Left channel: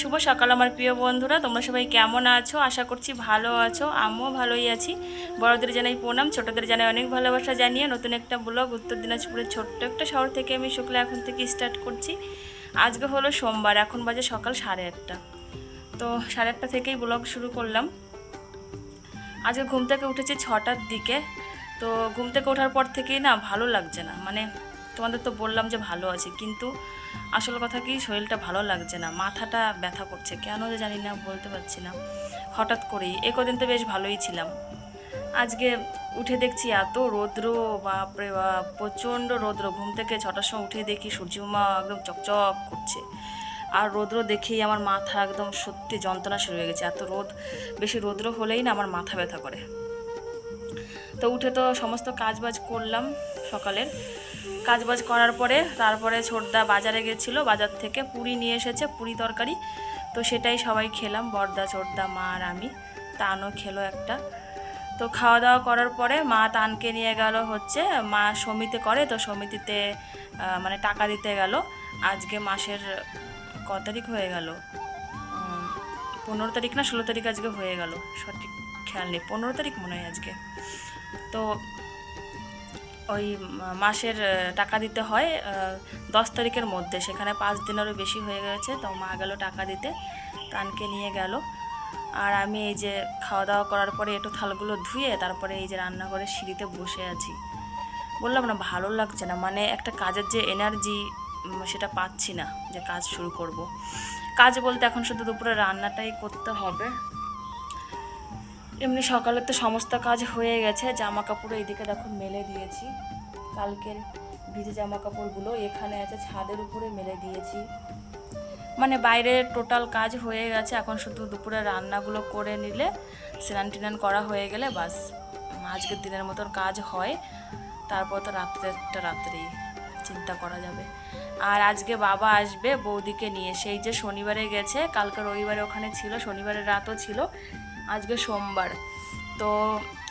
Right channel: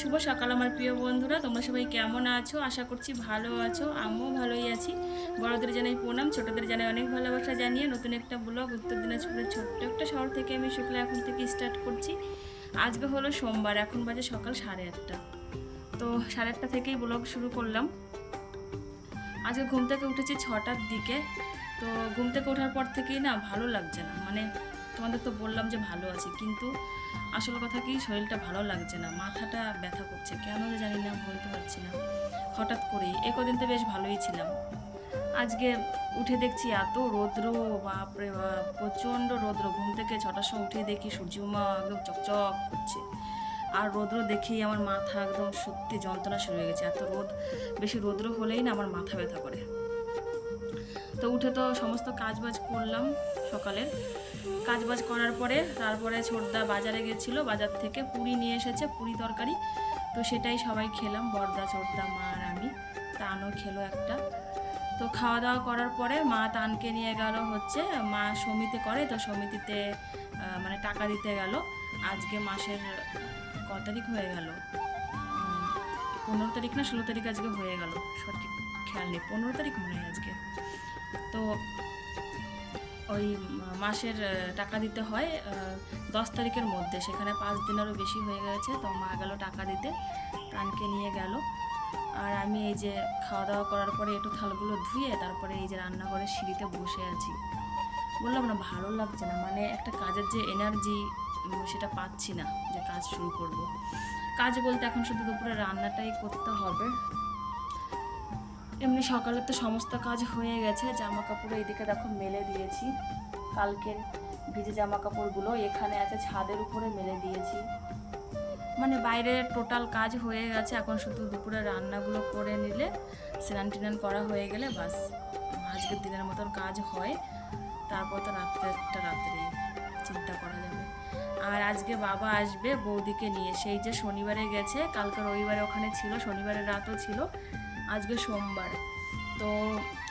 শুভ সকাল আমার প্রিয় বন্ধুরা, তোমরা সবাই কেমন আছো? আশা করছি ভালো আছো। আমিও ভালোই আছি। বড়দের জানাই প্রণাম, ছোটদের জানাই অনেক ভালোবাসা জানিয়ে নতুন একটা ব্লগ উত্তর দিনাজপুরের ছোট্ট একটা শহর থেকে আমি শুক্লা এখন থেকে স্টার্ট করছি। আজকে হলো সোমবার, এখন বাজে সকাল 8:30। তো 8:30 থেকেই ব্লগ শুরু করলাম। আজকে ঘুম থেকে উঠেছি 6টার দিকে। তো ঘুম থেকে ওঠার পর থেকেই না ভালো লাগছে না, মানে তোমাদের তো বললাম যে ভালো আছি, কিন্তু আসল কথা কি শরীরটা ভালো লাগছে না, মাথাটা ব্যথা করছে, কেন যে জানি না, বলতে পারছি না। হঠাৎ করেই কদিন তো বেশ ভালোই ছিলাম। আজকে উঠে দেখছি এত রৌদ্র, বাপরে বাপ, প্রচণ্ড রৌদ্র। ঘুম থেকে 6টার সময় উঠে দেখি সূর্যমা একদম চকচক করছে, আর রৌদ্র দেখেই আমার মাথা একদম সত্যি যন্ত্রণা শুরু হয়ে গেছে। এত বেশি রৌদ্র হলেই না আমার মাথা ব্যথা করে। তো উঠে তো সমস্ত কাজবাজ করলাম, সকালের কাজবাজ করার পরে তারপরে ছোটদা বাজারে গেছিলো, বাজার থেকে পুরি নিয়ে এসেছে, পুরি তরকারি। তো সেটাই সবাই খেলাম, বড়দা, ছোটদা, মা আর আমি। তানও খেলো একটা। তো খাওয়া দাওয়া করার পরে মা তানকে নিয়ে গেল, হচ্ছে মা সমিতি করে, তো সমিতিতে মানে টাকা দিতে গেল। আজকে মাসের ক তারিখ হয়ে গেল, 15 তারিখ না 16 তারিখ আজকে হয়ে গেল, সঠিক খেয়াল নেই, 15 তারিখ মনে হয় আজকে। তো ওই মাসের টাকা দিতে হয় 10 তারিখের মধ্যে, সেখানে 5 দিনেরও বেশি হয়ে গেছে। তো মা গেল টাকা দিতে, তানকে নিয়ে গেল। আর আমি এই যে খাওয়া দাওয়া করার পরে একটু থালগুলো ধুয়ে তারপরে এই যে রান্নাঘরে সিঁড়িতে বসে আছি। বললাম না ভালো লাগছে না, মানে একটা কাজের যে এনার্জি সেটা পাচ্ছি না যে কাজ শুরু করব। কাজ বলতে এখন শুধু দুপুরে রান্নাটাই করতে হবে। এমনি সকালে তো সমস্ত কাজ হয়ে গেছে। জামা কাপড় এইদিকে দেখো মেলে দিয়েছি, কালকের ভিজে জামা কাপড়গুলো এখানে আছে, ছাদের উপরে মেলে দিয়েছি। মানে বাইরে টোটাল কাজ হয়ে গেছে, এখন শুধু দুপুরে রান্নাগুলো করে নিলে, স্নান টিনান করা হয়ে গেলে বাস আজকের দিনের মতন কাজ হয়। তারপর তো রাত্রেই চিন্তা করা যাবে। আর আজকে বাবা আসবে বৌদিকে নিয়ে, সেই যে শনিবারে গেছে, কালকে রবিবারে ওখানে ছিল, শনিবারের রাতও ছিল, আজকে সোমবার। তো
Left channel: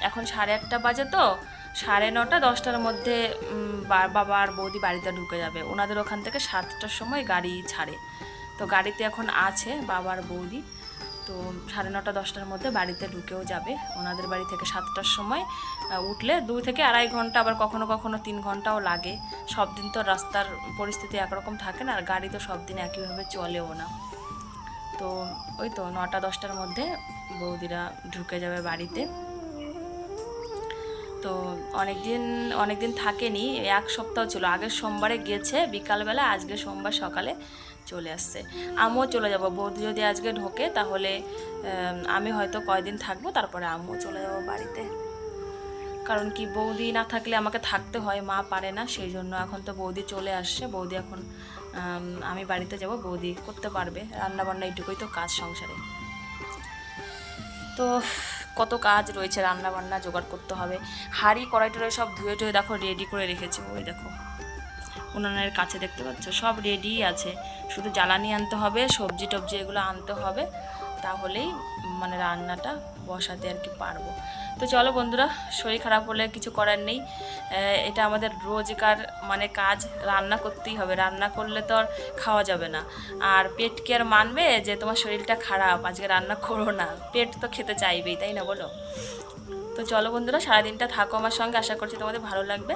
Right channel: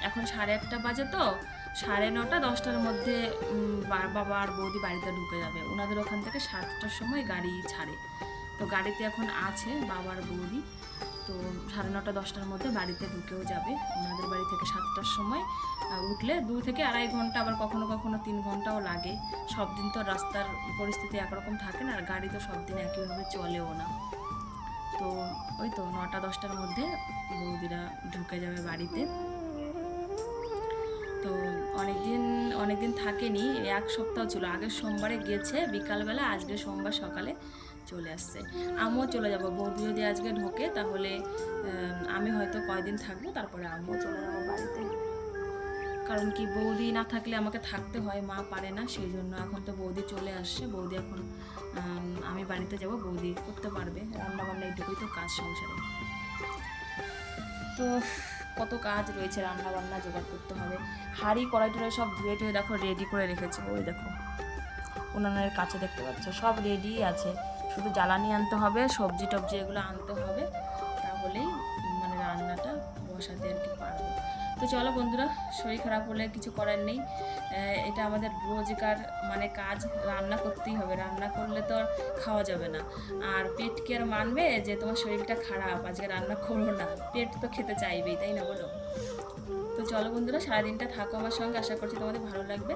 এখন 8:30 বাজে, তো 9:30 10টার মধ্যে বাবা আর বৌদি বাড়িতে ঢুকে যাবে। ওনাদের ওখান থেকে 7টার সময় গাড়ি ছাড়ে। তো গাড়িতে এখন আছে বাবা আর বৌদি। তো 9:30 10টার মধ্যে বাড়িতে ঢুকেও যাবে। ওনাদের বাড়ি থেকে 7টার সময় উঠলে 2 থেকে 2.5 ঘন্টা, আবার কখনো কখনো 3 ঘন্টাও লাগে। সব দিন তো রাস্তার পরিস্থিতি একরকম থাকে না, আর গাড়ি তো সব দিন একইভাবে চলেও না। তো ওই তো 9টা 10টার মধ্যে বৌদিরা ঢুকে যাবে বাড়িতে। তো অনেক দিন থাকেনি, 1 সপ্তাহ ছিল। আগের সোমবারে গেছে বিকালবেলা, আজকে সোমবার সকালে চলে আসছে। আমিও চলে যাব, বৌদি যদি আজকে ঢোকে তাহলে আমি হয়তো কয়দিন থাকবো, তারপরে আমিও চলে যাব বাড়িতে। কারণ কি, বৌদি না থাকলে আমাকে থাকতে হয়, মা পারে না, সেই জন্য। এখন তো বৌদি চলে আসছে, বৌদি এখন আমি বাড়িতে যাব, বৌদি করতে পারবে রান্নাবান্না, এইটুকুই তো কাজ সংসারে। তো কত কাজ রয়েছে, রান্না বান্না জোগাড় করতে হবে। হাঁড়ি কড়াই টড়াই সব ধুয়ে টুয়ে দেখো রেডি করে রেখেছে, ওই দেখো উনুনের কাছে দেখতে পাচ্ছ, সব রেডি আছে। শুধু জ্বালানি আনতে হবে, সবজি টবজি এগুলো আনতে হবে, তাহলেই মানে রান্নাটা বসাতে আর কি পারবো। তো চলো বন্ধুরা, শরীর খারাপ হলে কিছু করার নেই, এটা আমাদের রোজকার মানে কাজ, রান্না করতেই হবে। রান্না করলে তো আর খাওয়া যাবে না, আর পেট কি আর মানবে যে তোমার শরীরটা খারাপ আজকে রান্না করো না? পেট তো খেতে চাইবেই, তাই না বলো? তো চলো বন্ধুরা, সারাদিনটা থাকো আমার সঙ্গে, আশা করছি তোমাদের ভালো লাগবে।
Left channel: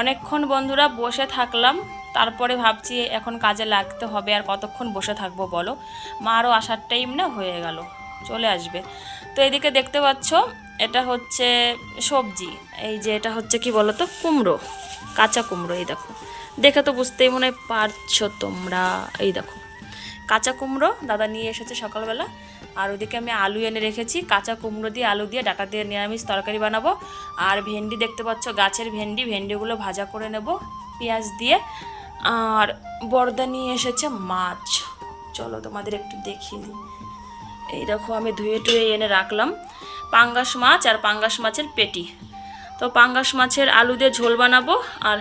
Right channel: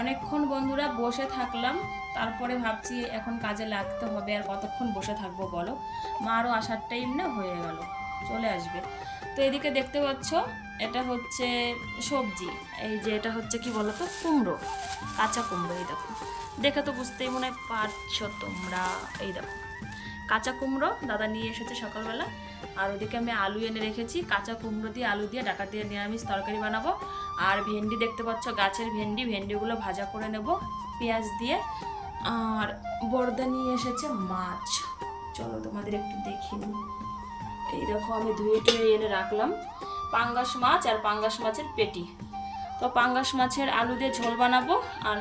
অনেকক্ষণ বন্ধুরা বসে থাকলাম, তারপরে ভাবছি এখন কাজে লাগতে হবে, আর কতক্ষণ বসে থাকবো বলো? মারও আসার টাইম না হয়ে গেল, চলে আসবে। তো এদিকে দেখতে পাচ্ছ, এটা হচ্ছে সবজি, এই যে এটা হচ্ছে কি বলো তো, কুমড়ো, কাঁচা কুমড়ো। এই দেখো, দেখে তো বুঝতেই মনে পারছো তোমরা, এই দেখো কাঁচা কুমড়ো দাদা নিয়ে এসেছে সকালবেলা। আর ওদিকে আমি আলু এনে রেখেছি, কাঁচা কুমড়ো দিয়ে আলু দিয়ে ডাটা দিয়ে নিরামিষ তরকারি বানাবো। আর ভেন্ডি দেখতে পাচ্ছ, গাছের ভেন্ডিগুলো ভাজা করে নেব পেঁয়াজ দিয়ে। আর বড়দা নিয়ে এসেছে মাছ, চলো তোমাদের একটু দেখিয়ে দিই। এই দেখো আমি ধুয়ে টুয়ে এনে রাখলাম পাঙ্গাস মাছ, আর পাঙ্গাস মাছের পেটি। তো পাঙ্গাস মাছের আলু দিয়ে ঝোল বানাবো, আর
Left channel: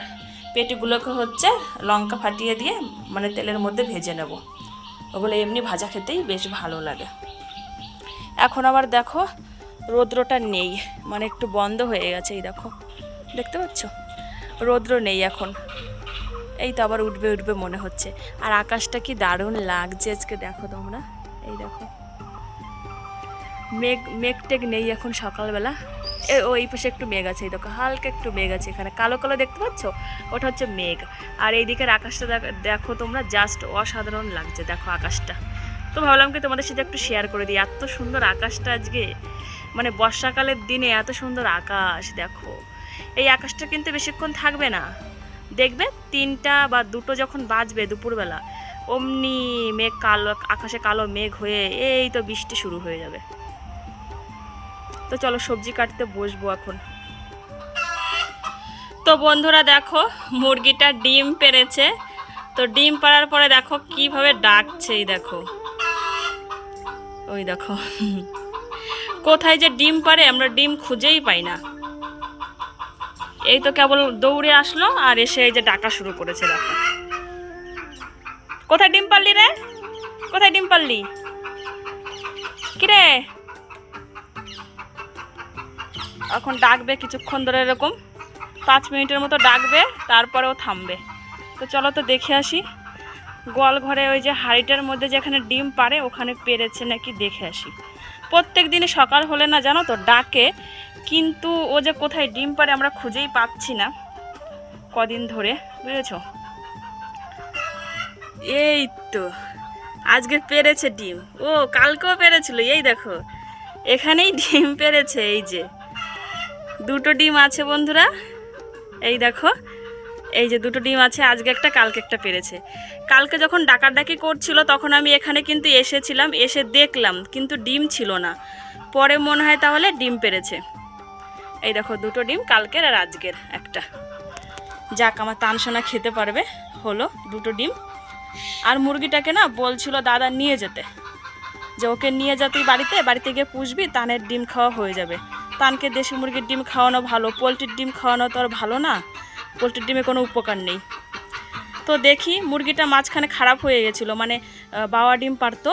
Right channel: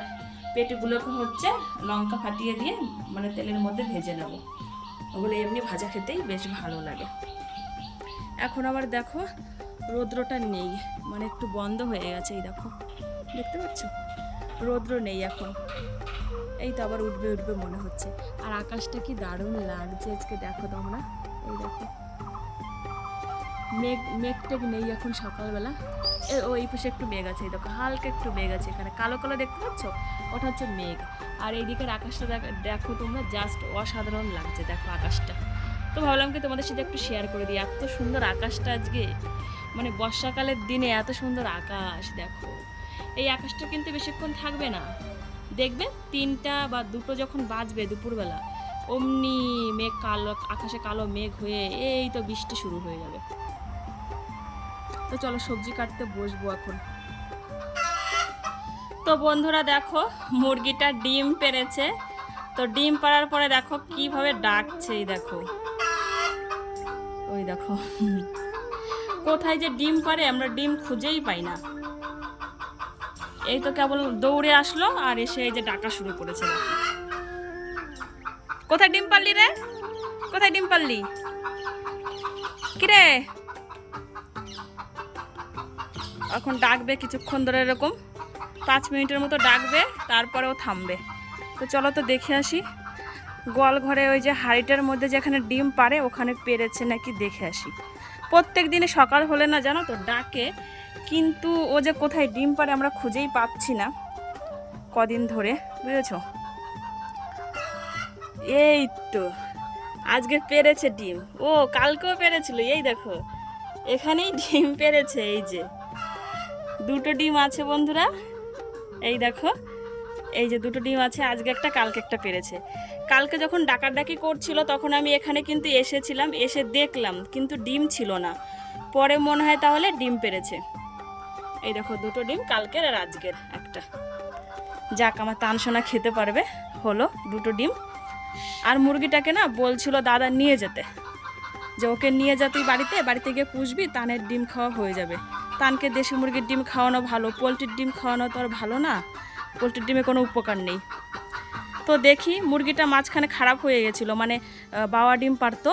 পেটিগুলোকে হচ্ছে লঙ্কা ফাটিয়ে দিয়ে মানে তেলের মধ্যে ভেজে নেব। ওগুলো এমনি ভাজা খেতেই বেশ ভালো লাগে। এখন আবার দেখো রৌদ্রটা নেই, মানে একটু বন্ধ হয়ে গেছে, এই দেখো দেখতে পাচ্ছ রৌদ্র নেই এখন। এই তো আবার উঠবে উঠবে মনে হচ্ছে। আর আকাশটা কি দারুণ লাগছে আজকে, দেখো তোমরা, এই দেখো মেঘ টেঘ নেই এখন সকালবেলা। এই পাশে একটু মেঘ আছে, এই দেখো হালকা একটু মেঘ আছে, এখানে কালো কালো দেখতে পাচ্ছ, ওটা হচ্ছে মেঘ। আর এই দিকের আকাশটা দেখো তোমরা, জাস্ট অসাধারণ লাগছে দেখো আকাশটা। তো ভাবলাম কি তোমাদের সাথে একটু শেয়ার করে দিই, এত সুন্দর আকাশটা আজকে, মানে বর্ষাকালের দিনে এত সুন্দর আকাশ দেখো। এই আকাশটা কিন্তু বেশিক্ষণ থাকবে না, দেখবে 3টা বা 2টো যখন বাজবে দুপুরবেলা, অমনি মেঘ কালো, আকাশে কালো মেঘ হয়ে এই তো বৃষ্টি শুরু হয়ে যাবে। তো চলো সবজি কাটতে বসবো এখন। তো বন্ধুরা দেখো মুরগিটা ডিম পেড়েছে, তো ডিম পাড়ার পরে দেখো কিভাবে ডাকছে, এই দেখো, ওই দেখো কোথায় যে ডিম পাড়ে আমরা ডিম খুঁজেই পাই না। এই তো কেবল দৌড়ে আসলো আর এসে এই যে ডাকা শুরু করেছে, দেখো কোথায় ডিম পারলি রে, কোথায় ডিম পারলি কিরে। এখন ডাকবে কিছুক্ষণ ধরে, এরকম 5 মিনিটের মতো ডাকবে, তারপরেও থামবে। তো চলো তো দেখে আসি গোয়াল ঘরে ওই যে হাঁড়িটার মধ্যে যেখানে ডিম পারে ওখানে পেরেছে নাকি, দেখে আসি। প্রত্যেক দিনে সকাল হলে না জানো তো ডাকে, কিন্তু ও যে কোথায় ডিম পারে আমরা খুঁজেই পাচ্ছি না কদিন ধরে, বুঝেছো। এই তো আজকে পেরেছে ডিম, ও কালকেও পেরেছিল, এই দেখো এখানেই ডিম পেরেছে, এই যে 2টো ডিম আছে বন্ধুরা, এই দেখো এই যে 2টো ডিম আছে, আজকে একটা কালকে একটা পেরেছে। কালকে যখন ডাকাডাকি করছিল তখন আমি এখানে কিন্তু এসেছিলাম, এসে দেখলাম কিন্তু ডিম ছিল না, পরে মনে হয় তাহলে ডিম পেরেছে। এই দেখো 2টো ডিম, কালকের আর আজকের একটা। যাক আমার তানসোনা খেতে পারবে, হলো 2টো ডিম। আর মুরগিটাকে না বলছিল দাদা নিয়ে যেতে, যে ওকে নিয়ে যা তুই বাড়িতে গিয়ে পুষবি, তানের ডিম খাওয়া হয়ে যাবে। তানকে দেশি মুরগির ডিম খাওয়ানো ভালো, পোলট্রির ডিম খাওয়ানো তো আর ভালো না, পোলট্রির ডিমে কোনো উপকার নেই। তো দেখি মুরগিটা মাঝখানে খারাপ হয়ে গেছিলো, মানে বাওয়া ডিম পারতো,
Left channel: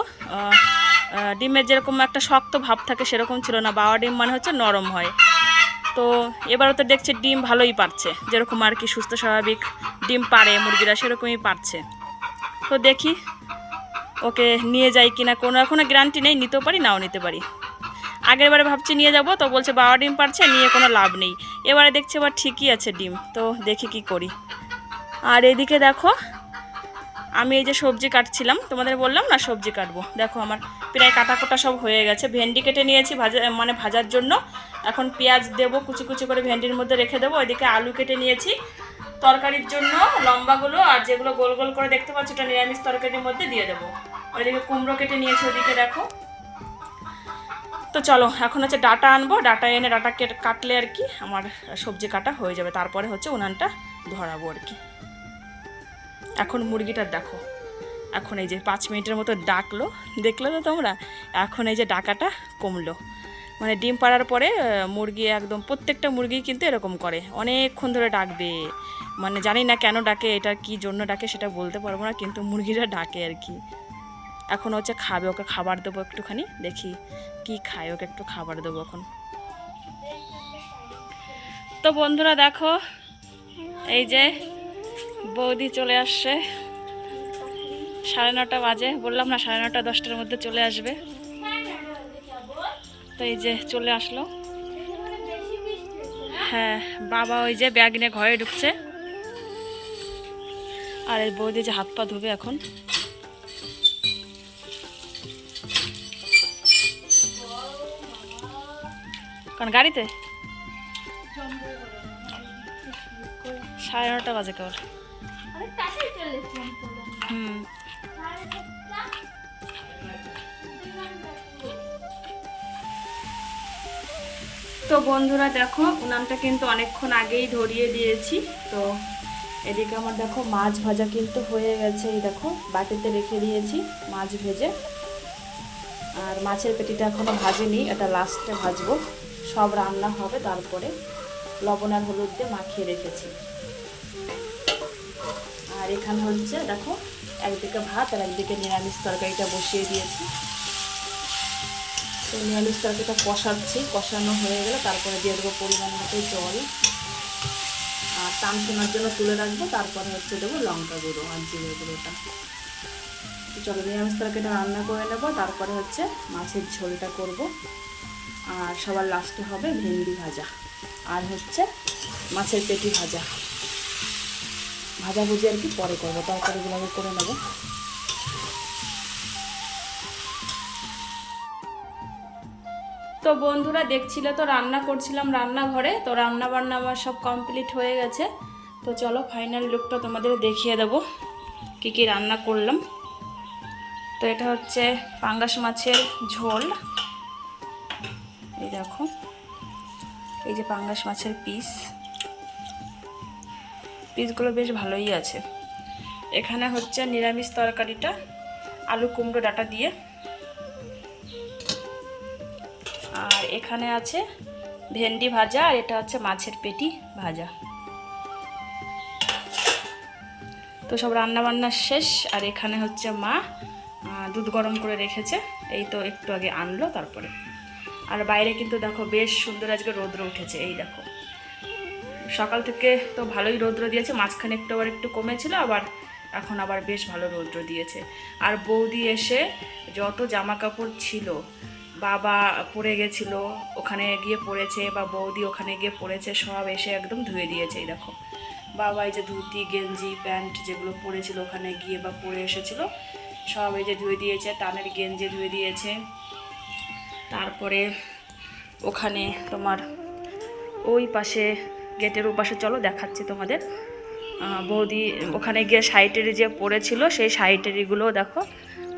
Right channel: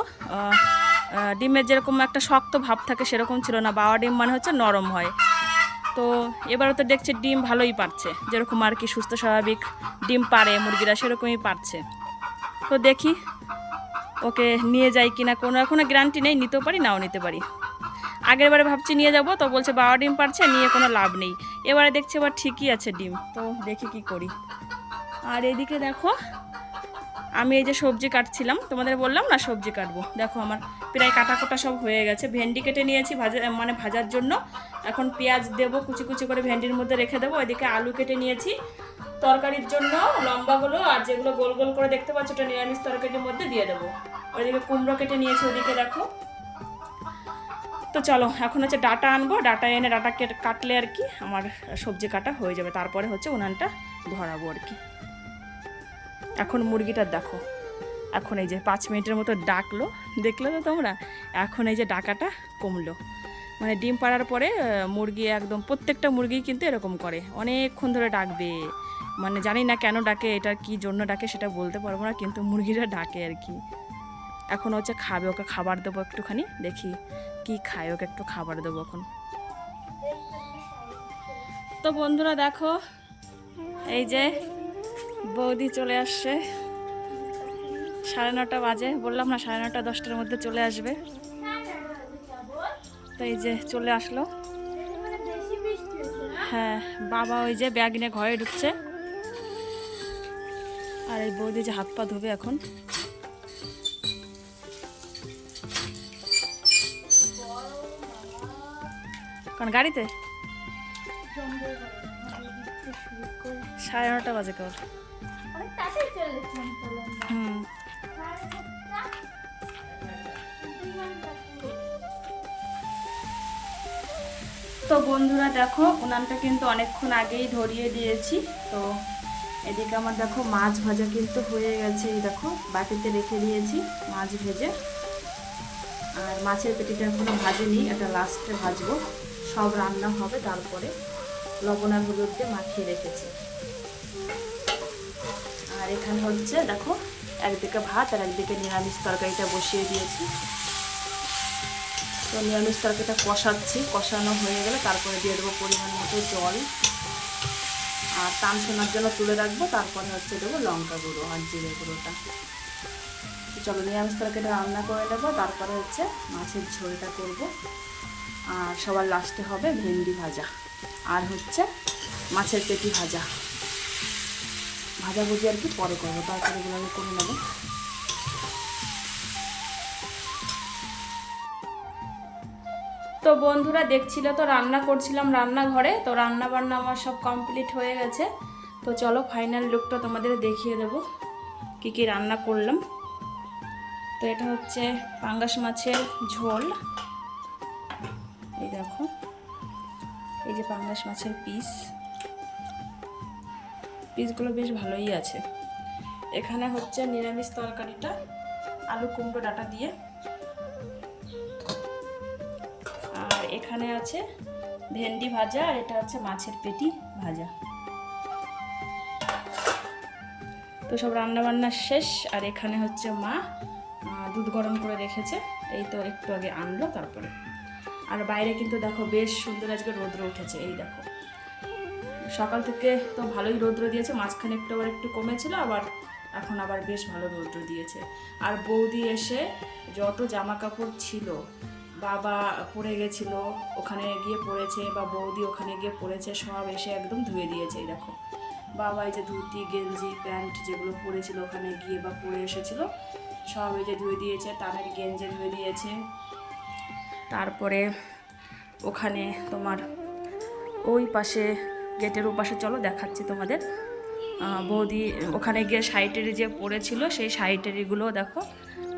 ডিমের যেরকম একটা শক্ত ভাব থাকে সেরকম ছিল না, বাওয়া ডিম মানে হচ্ছে নরম হয়। তো এবারও তো দেখছি ডিম ভালোই পারছে, যেরকম আর কি সুস্থ স্বাভাবিক ডিম পারে মুরগিরা সেরকমই পারছে। তো দেখি ওকে নিয়ে যাই কিনা, কোনো গ্যারান্টি নেই, নিতেও পারি নাও নিতে পারি। আগের বারে ভাবছি নিয়ে যাব, তো বলছে বাবা ডিম পারছে, নিয়ে কোনো লাভ নেই। এবারে দেখছি আবার ঠিকই আছে ডিম, তো দেখি কি করি। আর এদিকে দেখো আমি এই যে সবজি কাটছিলাম, তোমাদের বললাম না সবজি কাটবো, দেখো আমার প্রায় কাটাকোটা সব হয়ে গেছে। ভেন্ডি কেটে নিয়েছি ভাজার জন্য, এখন পেঁয়াজ দেবো, কুচি কুচি করে ভেন্ডির মধ্যে রেখে দেবো। ওইদিকে আলু কেটে নিয়েছি তরকারির জন্য লম্বাগুলো, আর যেগুলো গোল গোল করে দেখতে পাচ্ছ ওটা নিরামিষ তরকারির মধ্যে দিয়ে দেবো। ওইদিকে কুমড়ো কেটে নিয়েছি, ওইদিকে দেখো। তো চলো এখন হচ্ছে ডাটা আনবো, ডাটা এনে ডাটা কাটলে আর কি আমার সবজি কাটা হয়ে যাবে, তারপরে হচ্ছে উনানটা ধরাবো আর কি। এখন মুরগিটা দেখো, এখন এই যে 5 মিনিটের মতো ডাকলো, দেখলে তো তোমরা, এখন এই যে ডাকাটা কমলো। মানে ডিম পাড়ার পরে মুরগি একদম প্রত্যেকটা মুরগি কিন্তু এরকম করে, অনেকক্ষণ ধরে ডাকবে, মানে জানি না কেন ডাকে, এটা কি জন্য ডাকে সেটা বলতে পারবো না, কিন্তু মুরগিরা ডাকে আর কি। এখন হচ্ছে খাবে, ওকে খাবার দেবো একটুখানি, দেখি কি খায়, ওকে একটু খাবার দেবো এখন। তো বন্ধুরা দেখো এই যে বৌদি চলে আসছে, 9:30 বাজে, বললাম না 9:30 10টার মধ্যে চলে আসবে। তো এই যে চলে আসলো, হ্যাঁ বাবা ওই যে ব্যাগ নিয়ে ঘরে ঢুকছে, আর এই বৌদি যে হাত পা ধুবে এখন। কারণ গাড়িতে 9:30 বাজে কেবল। তো বন্ধুরা দেখো উনানটা কিন্তু অনেকক্ষণ আগেই ধরিয়ে দিয়েছি। তো এদিকে আমার দেখো মাছ ভাজা কিন্তু হয়ে গেছে, এই দেখো বাটিতে রেখে দিয়েছি মাছ ভেজে। আর মাছের পেটিটা এখনও ভাজেনি, এটা লাস্টে ভাজবো, সব রান্না হবে তারপরে। লবণ আর হলুদ দিয়ে মাখিয়ে রেখেছি। আর এখানে হচ্ছে দেখো একদিকে ভাত আর একদিকে নিরামিষ তরকারিটা বসিয়ে দিয়েছি। তো নিরামিষ তরকারিটা কষাচ্ছি, কষানো হয়ে গেলে তারপরে দিয়ে দেবো পরিমাণ মতো জল। আর টান শোনার জন্য তুলে রাখবো, তারপরে হচ্ছে দেবো লঙ্কা গুঁড়ো আর জিরে গুঁড়োটা। তো চলো নিরামিষ তরকারিটা রান্না করে নেবো, তারপরে হচ্ছে মাছের ঝোলটা করব। আর সবার লাস্টে হবে ভেন্ডি ভাজা আর হচ্ছে মাছের পেটি ভাজা। ভাজাভুজি আর কি পরে করবো, তরকারিগুলো আগে করে নেবো। তো বন্ধুরা দেখছিলে তো রান্না করছিলাম রান্নাঘরে, তো রান্না বান্না আমার সব কমপ্লিট হয়ে গেছে। তো চলো ফাইনাল লুকটা তোমাদের দেখিয়ে দেবো কী কী রান্না করলাম। তো এটা হচ্ছে পাঙ্গাস মাছের ঝোল, এই দেখো, এই যে পাঙ্গাস মাছের পিসগুলো বেশ ভালোই আছে। এখানে হচ্ছে নিরামিষ তরকারিটা আলু কুমড়ো ডাঁটা দিয়ে, আর এখানে আছে ভেন্ডি ভাজা, আর এটা হচ্ছে মাছের পেটি ভাজা। তো সব রান্না বান্না শেষ। আর এখানে হচ্ছে মা দুধ গরম করে রেখেছে, এই তো একটু আগে আনলো তারপরে। আর বাইরে কিন্তু দেখো বেশ সুন্দর আজকে রৌদ্র উঠেছে, এই দেখো সকাল থেকে তো ভালোই রৌদ্র দিয়েছে, মাঝখানে একটু কমেছিল, আবার এখন আবার বেশ ভালো রৌদ্র দিয়েছে। আর বৌদি এসে যত জামা কাপড় ছিল বাবা পরে গেছিলো ওখানে গিয়ে পরেছে, বা বৌদি ওখানে গিয়ে পরেছে, সব এসে একদম ধুয়ে দিয়েছে। এই দেখো বাবা এই যে ধুতি গেঞ্জি প্যান্ট যেগুলো পরেছিল ওখানে গিয়ে বা পরে এসেছিলো সব এই যে ধুয়ে দিয়েছে, টানের গেঞ্জি ধুয়ে দিয়েছে। তারপরে ওখানে তোমার ওই পাশে গেটের ওপাশে চলো দেখাচ্ছি তোমাদের, বৌদি ওখানে গিয়ে শাড়িটারি যে পরেছিল সেই শাড়িটারিগুলোও দেখো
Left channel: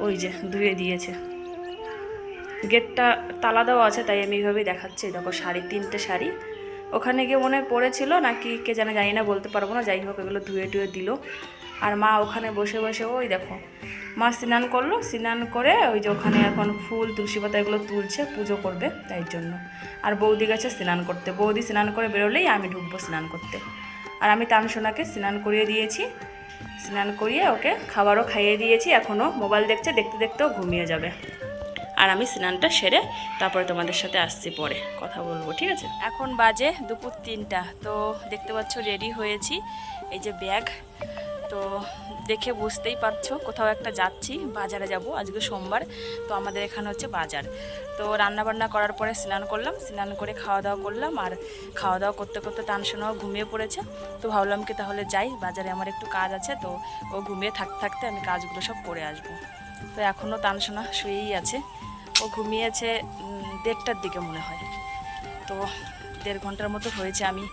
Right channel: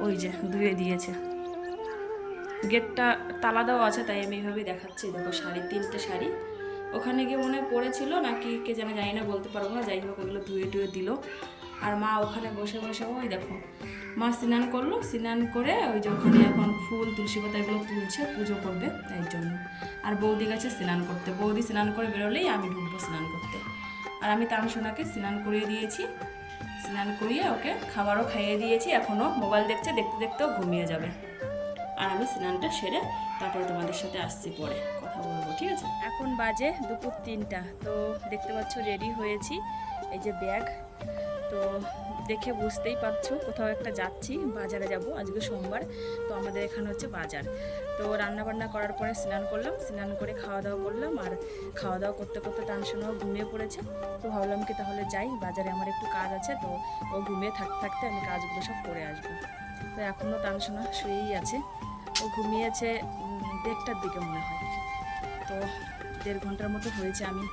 ওই যে ধুয়ে দিয়েছে। গেটটা তালা দেওয়া আছে তাই আমি এইভাবেই দেখাচ্ছি। দেখো শাড়ি, 3টে শাড়ি ওখানে গিয়ে মনে হয় পরেছিল নাকি কে জানে, জানি না, বলতে পারবো না। যাই হোক এগুলো ধুয়ে টুয়ে দিল। আর মা ওখানে বসে বসে ওই দেখো মা স্নান করলো, স্নান করে ওই যে ওখানে এখন ফুল তুলসী পাতা এগুলো তুলছে, পুজো করবে তাই জন্য। আর বৌদি গেছে স্নান করতে, বৌদি স্নান করে বেরোলেই আমি ঢুকবো স্নান করতে। আর আমি তানসোনাকে স্নান করিয়ে দিয়েছি, স্নান করিয়ে ওকে খাবারও খাইয়ে দিয়েছি, এখনও মোবাইল দেখছে, দেখতে দেখতেও ঘুমিয়ে যাবে। আর আমি স্নানটা সেরে তারপরে তোমাদের সাথে আসছি, পরে কথা বলবো, ঠিক আছে? এখন বাজে দুপুর 3টা। তো দেখতে পাচ্ছ রেডি হয়েছি, এই যে ব্যাগ। তো দেখে বুঝতেই পারছো কোথাও একটা যাচ্ছি, বাজারে যাব, আজকে সোমবার। তো আমাদের এখানে হচ্ছে বাজার। তো রান্না বান্না করার পরে স্নান করলাম, স্নান করে খাওয়া দাওয়া করলাম। আর খাওয়া দাওয়া করতে করতে তানসোনাও ঘুমিয়ে পড়েছে। তো ভাবলাম কি তাহলে যাই, বাজারে আমার একটু কাজ আছে। তো ও ঘুমিয়ে থাকতে থাকতে আমি কাজগুলো সব করে আসবো। তো এখনও তানসোনা শুয়েই আছে, ও ঘুমিয়েছে 1:30টার দিকে মনে হয়। তো 1.5 ঘন্টার মতো হয়েছে, আমি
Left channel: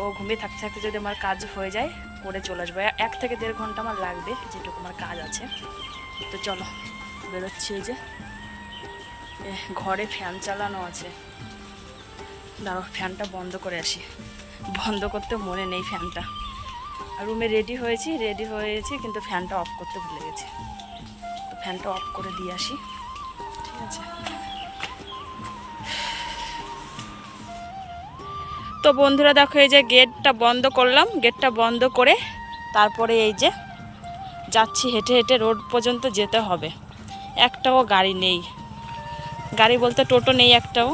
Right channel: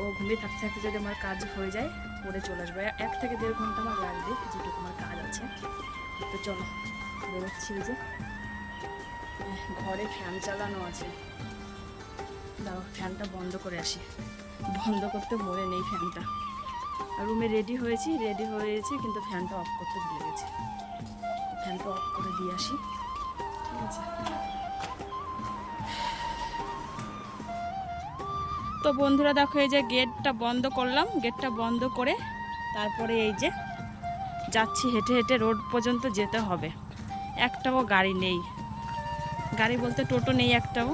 ও ঘুমিয়ে থাকতে থাকতে যদি আমার কাজ হয়ে যায় করে চলে আসবো। 1 থেকে 1.5 ঘন্টা আমার লাগবে, যেটুকু আমার কাজ আছে। তো চলো বেরোচ্ছি। এই যে ঘরে ফ্যান চালানো আছে, দাঁড়াও ফ্যানটা বন্ধ করে আসি, বন্ধ করতে মনে নেই ফ্যানটা। আর রুমে রেডি হয়েছি কিন্তু ফ্যানটা অফ করতে ভুলে গেছি। তো ফ্যানটা অফ করে দিয়ে আসি, ঠিক আছে? তো বন্ধুরা দেখো এই যে গেটটা বন্ধ করলাম, গেটটা বন্ধ করে তারপরে এই যে যাচ্ছি, হেঁটে হেঁটে রোড পর্যন্ত যেতে হবে। একটাও গাড়ি নেই, গাড়ি বলতে টোটো নেই একটাও।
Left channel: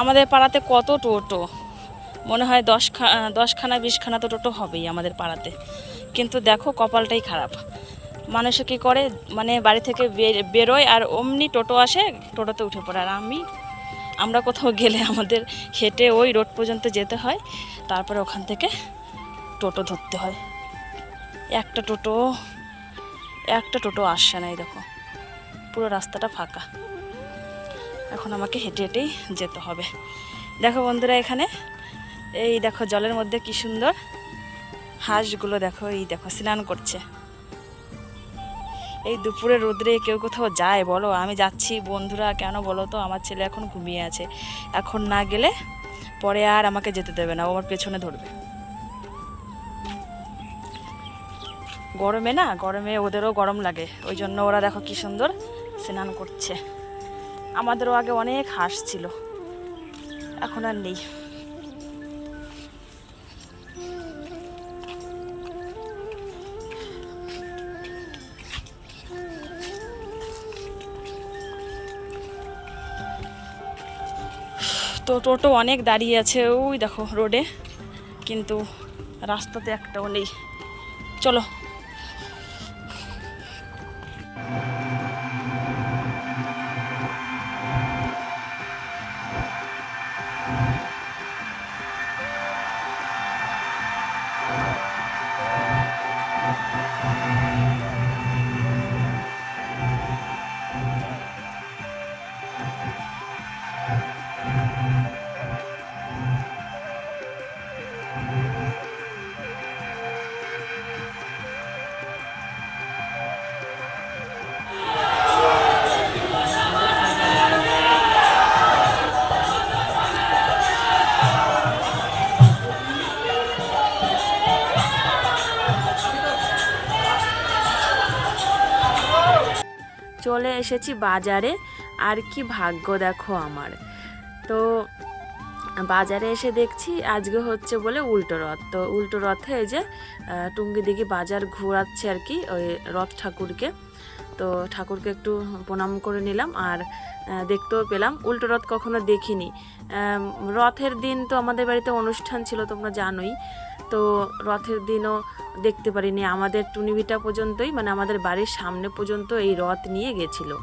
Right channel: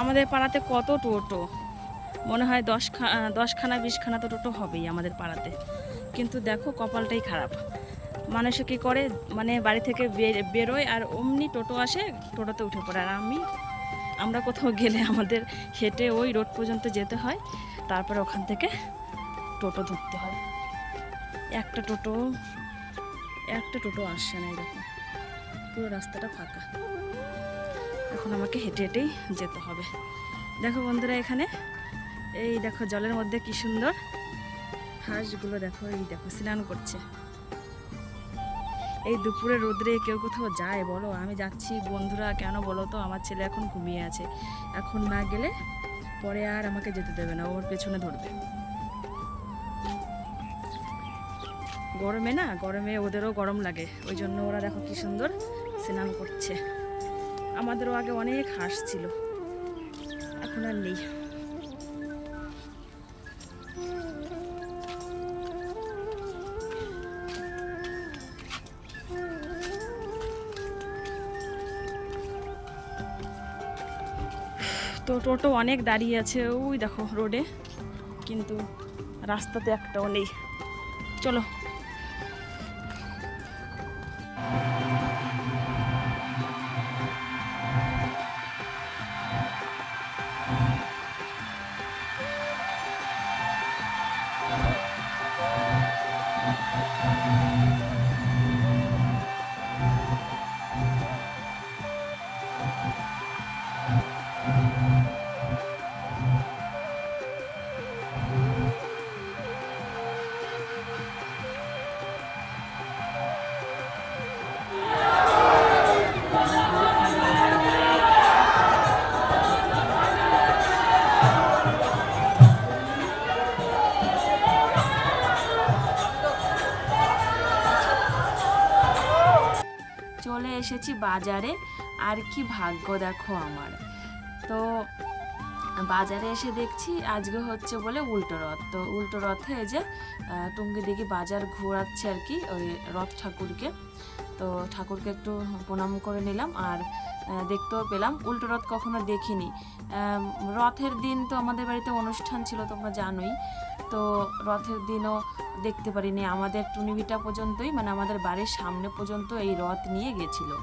আমাদের পাড়াতে কত টোটো, মনে হয় 10খানা 20খানা তো টোটো হবেই আমাদের পাড়াতে। কিন্তু দেখো কপালটাই খারাপ, মানুষে কী করে, মানে বাড়ি থেকে বেরোয় আর অমনি টোটো আসে, টোটোতে উঠে পড়ে। আর আমরা কোথাও গেলে আমাদের হেঁটে ওই রোড পর্যন্ত যেতে হয়, তারপরে ওখান থেকে টোটো ধরতে হয়। একটা টোটো আসছে না, এই দেখো পুরো রাস্তাটা ফাঁকা। এখন আমাকে হেঁটে হেঁটেই যেতে হবে। দেখো বন্ধুরা এখানে এই দেখো জলের মধ্যে কি সুন্দর হাঁসগুলো, দেখো এই দেখো স্নান করছে। এই দুপুরে রোদ্রে কেউ কোথাও যায় বলো? আমি যাচ্ছি বন্ধুরা, কেন বলো তো? আমার ছেলে এখন ঘুমিয়ে আছে, এখন না গেলে পরে আর আমাকে যেতে দেবে না, ও আমার পেছনে ধরবে। গরমে ওদেরও গরম লাগে, ওই জন্য ওরা দেখো কি সুন্দর স্নান করছে। আমাদেরও আগে অনেক হাঁস ছিল, এখন আর নেই। তো টোটো অনেক দাঁড়িয়ে আছে ওই দেখো রোডে, কিন্তু রাস্তাতে একটাও নেই। চলো। চলে এসেছি বাজারে, আর কি ভাগ্য দেখো আমার। তো বাজারে এসে দেখছি আজকে হচ্ছে বলে উল্টো রথ। তো উল্টো রথে এই যে টুঙ্গি দিঘি বাজার ঘোরাচ্ছে আর কি ওই রথ ঠাকুরকে। তো ঠাকুরকে একটু প্রণাম করে নিলাম, আর দেখতেও পেলাম। উল্টো রথ কখনো দেখিনি। রথের দিন তো আমাদের বাড়িতে অনুষ্ঠান ছিল, তোমরা জানোই। তো রথের দিনও দেখতে পারিনি। আমাদের টুনিভিটা পর্যন্তই, মানে আমাদের বাড়ির সামনে পর্যন্ত এই রথ নিয়ে গেছিলো।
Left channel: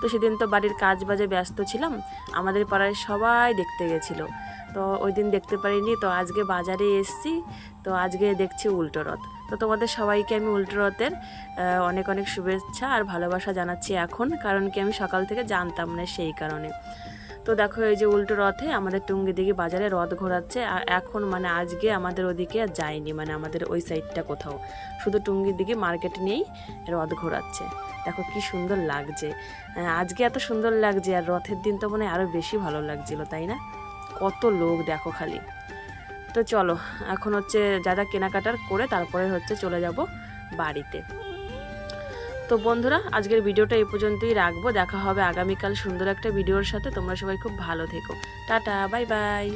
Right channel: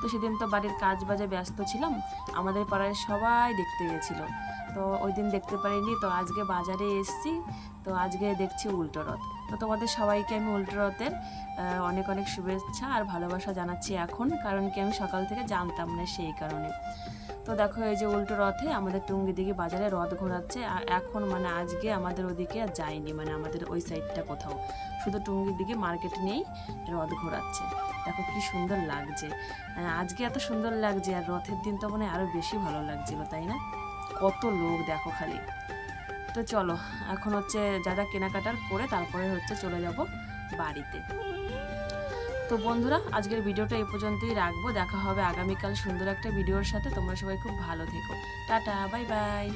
তো সেদিন তো বাড়ির কাজ বাজে ব্যস্ত ছিলাম, আমাদের পাড়ায় সবাই দেখতে গেছিলো। তো ওই দিন দেখতে পারিনি। তো আজকে বাজারে এসছি, তো আজকে দেখছি উল্টো রথ। তো তোমাদের সবাইকে আমি উল্টো রথের অনেক অনেক শুভেচ্ছা আর ভালোবাসা জানাচ্ছি এখন, কারণ কি আমি সকাল থেকে জানতাম না, সেই কারণে। তো দেখো এই যে উল্টো রথে আমাদের টুঙ্গি দিঘি বাজারে রথ ঘোরাচ্ছে। আর এখন মানে আজকে আমাদের ওদিকে আর যায়নি, মানে আমাদের ওই সাইডটা কোথাও, শুধু টুঙ্গি দিঘি মার্কেট নিয়েই রথ ঘোরাচ্ছে। দেখো কি সুন্দর লাগছে, আজকে এত সুন্দর লাগছে, আর রথের দিন তো মানে আরও বেশি ভালো লাগছিল, তাই না? কত লোক দেখো খালি। তো চলো এখন হচ্ছে যা যা কেনাকাটার করে তারপরে হচ্ছে চলে যাব বাড়িতে। তো বন্ধুরা আজকের ভিডিওটা এই পর্যন্তই রাখবো। দেখা হবে আগামীকাল সুন্দর একটা ভিডিওর সাথে। তোমরা সবাই খুব ভালো থেকো। Tata, bye bye.